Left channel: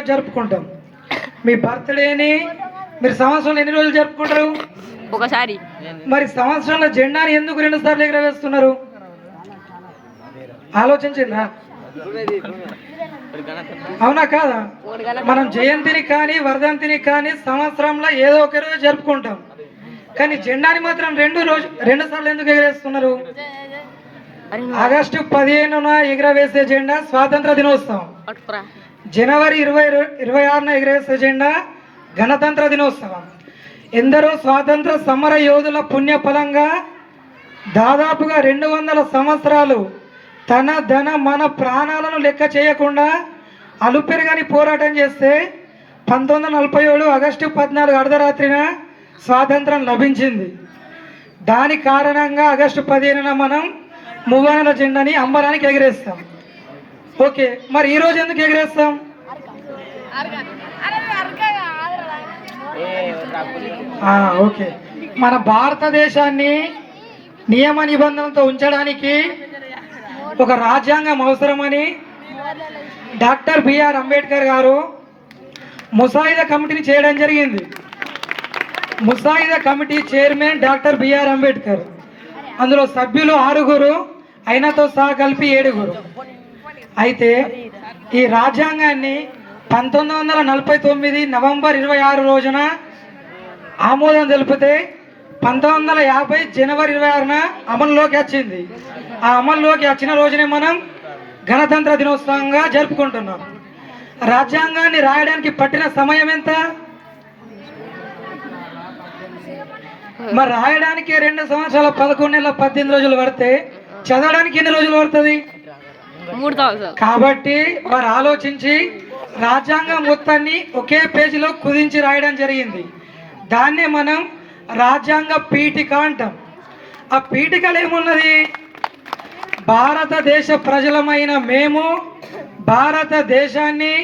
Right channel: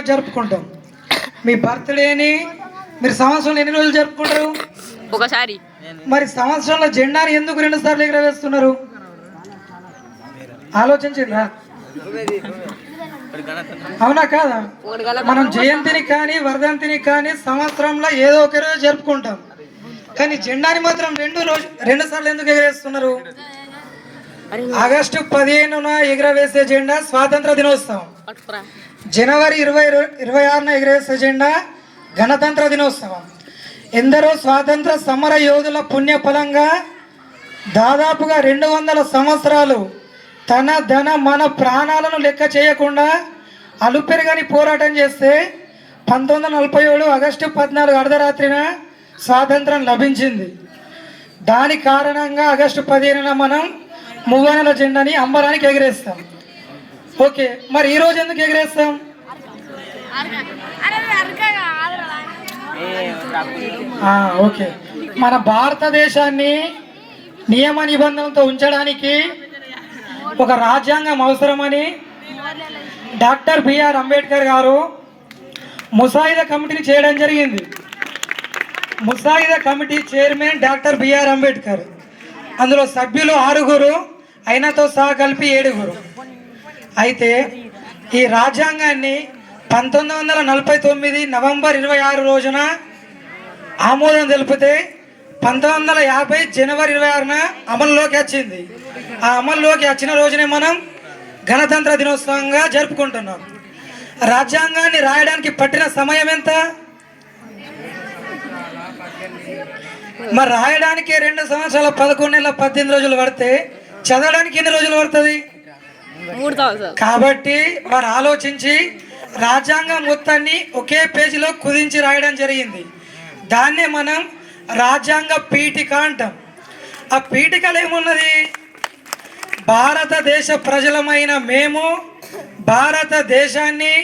రోజు జరుపుకుంటాం? మీ బర్త్డేని మీరు సంవత్సరంలో ఎన్ని రోజులు జరుపుకుంటారు? ఒకసారి. మరి సంవత్సరంలో జెండాని ఎందుకు 2 సార్లు ఎగరవేస్తున్నారు? ఆలోచించిందా? అవునా కాదా? మనం జయంతిని కానీ వర్ధంతిని కానీ సంవత్సరంలో ఏదో ఒక రోజు జరుపుకుంటాం, కానీ జెండాని మాత్రం 2 సార్లు ఎందుకు ఎగరేస్తున్నారు? ఆగస్టు 15న ఎగరవేసే జెండా స్వాతంత్ర దినోత్సవం, జనవరి 26న ఎగరవేసే జెండా గణతంత్ర దినోత్సవం. ఎందరో స్వాతంత్ర సమర యోధుల పుణ్యఫలంగా దాదాపుగా 200 సంవత్సరాలు తన ధన మన ప్రాణాలను లెక్క చేయకుండా అలుపెరగని పోరాటం చేస్తే 1947 ఆగస్టు 14 అర్ధరాత్రిన స్వాతంత్రం లభించింది. దాని కారణంగా ఆగస్టు 15న మనం మువ్వనెల జెండాని అంబరానికి ఎగరేస్తాం. ఓకే, మరి ఈరోజు ఎందుకు ఎగరేస్తాం? ఓకే, మన భారతదేశాన్ని నియమ నిబంధనలతో ఉంచడానికి ఒక రాజ్యాంగం అవసరమని డాక్టర్ బిఆర్ అంబేద్కర్ గారు ముసాయిదా కమిటీని చేయడం జరిగింది. ముసాయిదా committee chairman doctor BR Ambedkar. అందులో సభ్యులు 6, ఆయనతో సహా కలిపి 7. అయితే ఈ రాజ్యాంగాన్ని 1949 నవంబర్ 26 రోజున ఆమోదం తెలిపితే 1950 జనవరి 26న అమల్లోకి వచ్చింది. ఆ అమల్లోకి వచ్చిన రోజునే మనం గణతంత్ర దినోత్సవంగా జరుపుకుంటున్నాం. రాజ్యాంగాన్ని రాయడానికి పట్టిన సమయం ఎంత? మరి రాయడానికి 2 సంవత్సరాల 11 నెలల 18 రోజులు పడితే చదవడానికి ఎన్ని రోజులు పడుతుంది? 3 కాబట్టి వారు ఆలోచించి రాజ్యాంగం మొత్తాన్ని ఒకే పేజీలో కుదించి రాయడం జరిగింది. దాన్నే మనం రాజ్యాంగ పీఠిక అంటాం. ఆ పీఠికలో ఏమున్నది? భారతదేశ ప్రజలమైన మేము భారతదేశాన్ని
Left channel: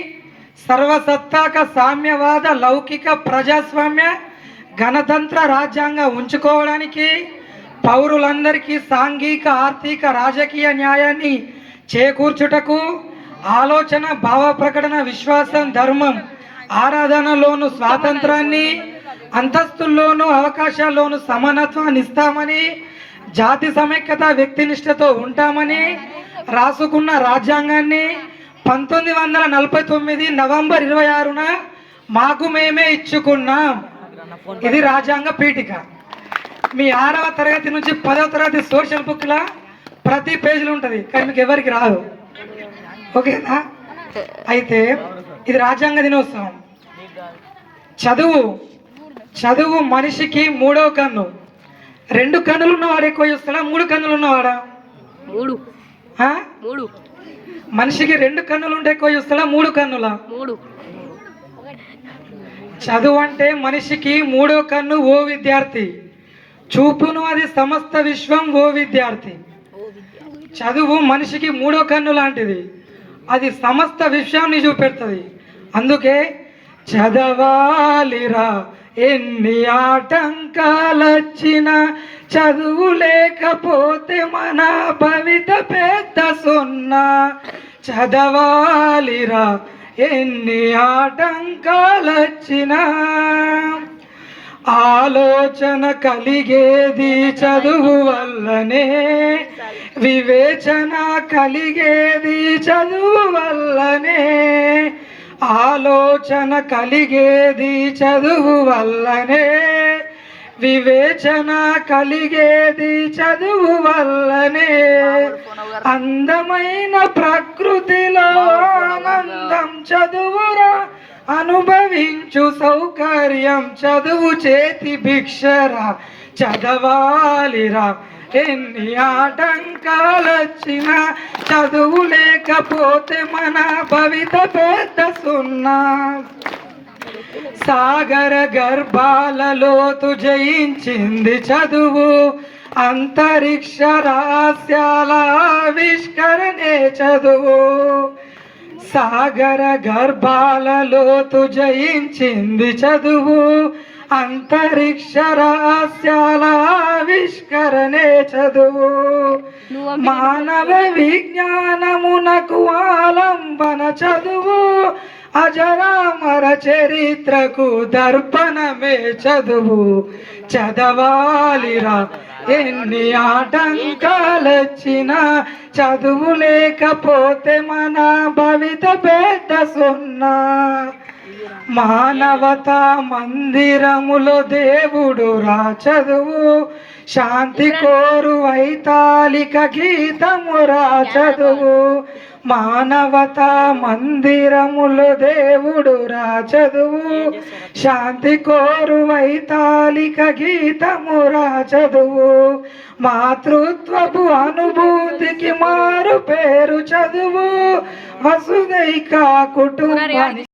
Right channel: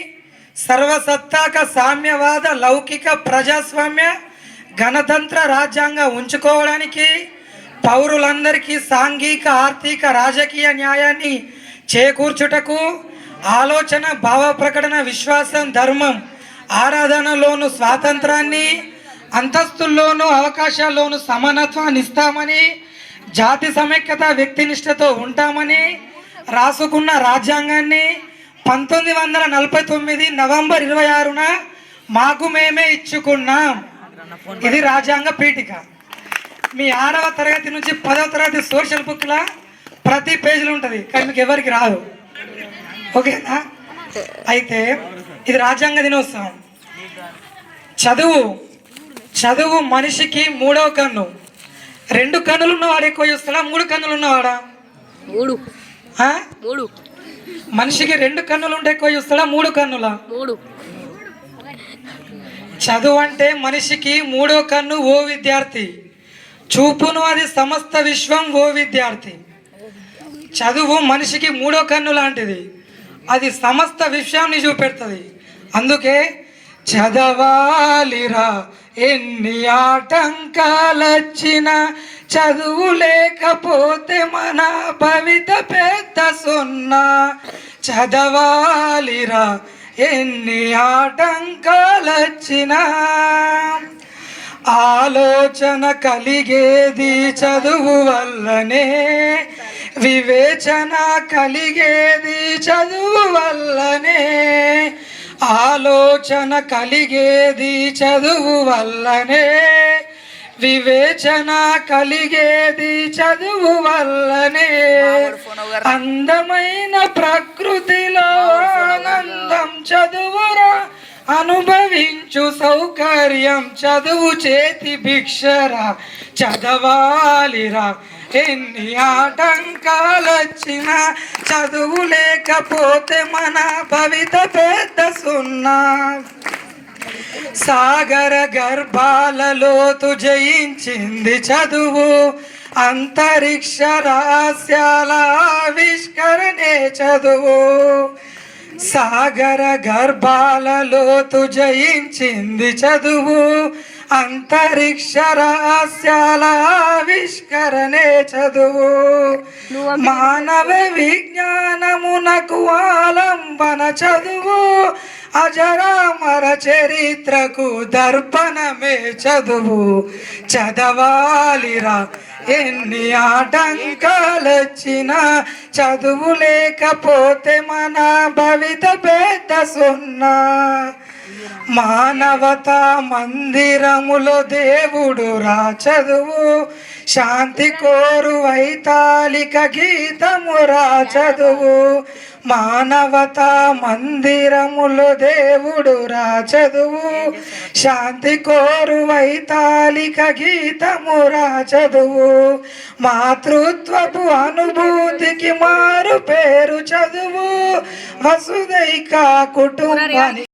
సర్వసత్తాక సామ్యవాద లౌకిక ప్రజాస్వామ్య గణతంత్ర రాజ్యాంగం ఉంచుకోవడానికి, పౌరులందరికీ సాంఘిక ఆర్థిక రాజకీయ న్యాయాన్ని చేకూర్చుటకు, ఆలోచన భావ ప్రకటన విశ్వాసం ధర్మం ఆరాధనలోను స్వాతంత్రాన్ని, అంతస్తుల్లోనూ అవకాశాల్లోనూ సమానత్వాన్ని ఇస్తామని, జాతి సమైక్యత వ్యక్తినిష్టతో ఉంటామని రాసుకున్న రాజ్యాంగాన్ని 1949 నవంబర్ 26న మాకు మేమే ఇచ్చుకున్నాం. ఇది రాజ్యాంగ పీఠిక. మీ 6వ తరగతి నుంచి 10వ తరగతి సోషల్ బుక్లా ప్రతి పేజీలో ఉంటుంది, కానీ మీకు ఎవరికి రాదు. ఓకేనా? అయితే ఇది రాజ్యాంగ దినోత్సవం. చదువు మనిషికి 3వ కన్ను. 2 కన్నులు ఉన్నవాడు ఎక్కువ చూస్తాడా? 3 కన్నులు ఉన్నవాడా? 3. మనిషికి 2 కన్నులు ఉంటే ఎక్కువ చూస్తాడా? 3 కన్నులా? 3. చదువు అంటే మనిషికి 3వ కన్ను. ఓ విద్యార్థి చూపును అది సమస్త విశ్వం. ఓ విద్యార్థి, చదువు మనిషికి 3వ కన్ను లాంటిది. అది సమస్త విశ్వాన్ని చూపెడుతుంది. అందుకే చదవాలిరా ఎన్ని ఆటంకాలొచ్చినా, చదువు లేకపోతే మన భవిత పెద్ద సున్నా. చదవాలిరా ఎన్ని ఆటంకాలొచ్చినా, ఆలోచన కలిగేది చదువు వల్లనే, వివేచన కలిగేది చదువు వల్లనే, ఆలోచన కలిగేది చదువు వల్లనే, వివేచన కలిగేది చదువు వల్లనే. అందమైన ప్రకృతిలో ఆనందం చదువురా, అనుభవించు సౌకర్యం చదువు చేతి భిక్షరా. చదవాలిరా ఎన్ని ఆటంకాలొచ్చినా, చదువు లేకపోతే మన భవిత పెద్ద సున్నా. సాగర గర్భాలలోతు జయించింది చదువు, అంతరిక్ష రహస్యాల ఆవిష్కరణే చదువు. సాగర గర్భాలలోతు జయించింది చదువు, అంతరిక్ష రహస్యాల ఆవిష్కరణే చదువు. మానవ విజ్ఞానమునకు ఆలంబన చదువు, అజరామర చరిత్రకు దర్పణమే చదువు చదవాలిరా ఎన్ని ఆటంకాలొచ్చినా చదువు లేకపోతే మన భవిత పెద్ద సున్నా మానవతా మందిరములో దేవుడు రా చదువు శాంతి కోరు వైతాళిక గీతము రా చదువు మానవతా మందిరములో దేవుడు రా చదువు శాంతి కోరు వైతాళిక గీతము రా చదువు మాతృత్వపు అనుభూతికి మారు పేరు చదువు వసుదైక కుటుంబానికి